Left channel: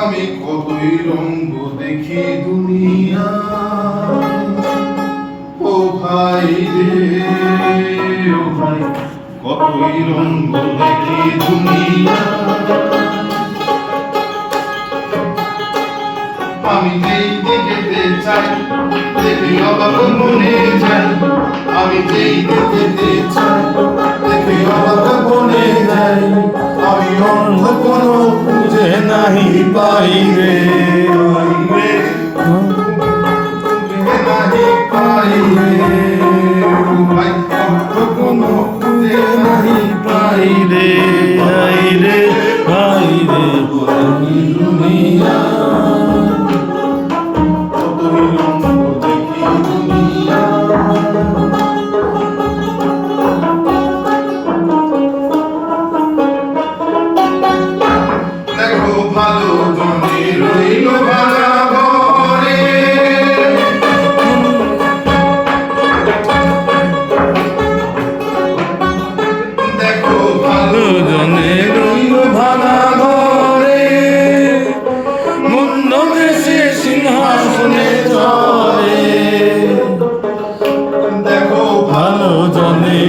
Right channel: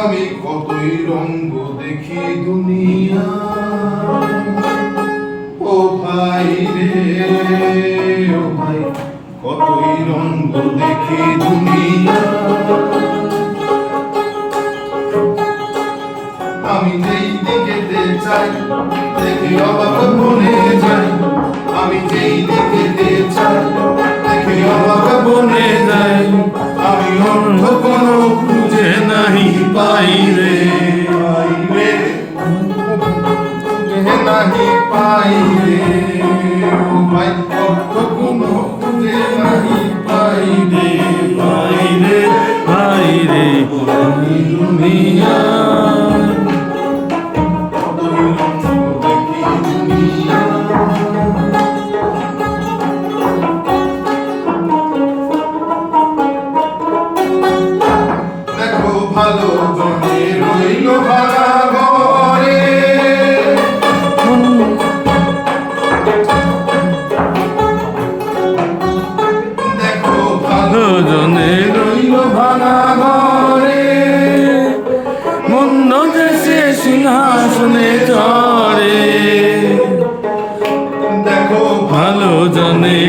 আমি কতই রঙ্গ দেখি দুনিয়া, ও ভাই রে ও ভাই, কতই রঙ্গ দেখি দুনিয়া। আমি যেই দিকেতে চাই দেখি অবাক মনে যায়, আমি যেই দিকেতে চাই দেখি অবাক মনে যায়। আমি অর্থ কোনো খুঁজে নাহি পাই রে, খুঁজে নাহি পাই রে, ভাই অর্থ কোনো খুঁজে নাহি পাই রে, ভাই রে ভাই রে দুনিয়া কতই রঙ্গ দেখি দুনিয়া। দেখো ভালো জনে রইল ভাড়া ঘরে, দেখো ভালো জনে রইল ভাঙা ঘরে, মন্দ দেশে সিংহাসনে চড়ে। দেখো ভালো জনে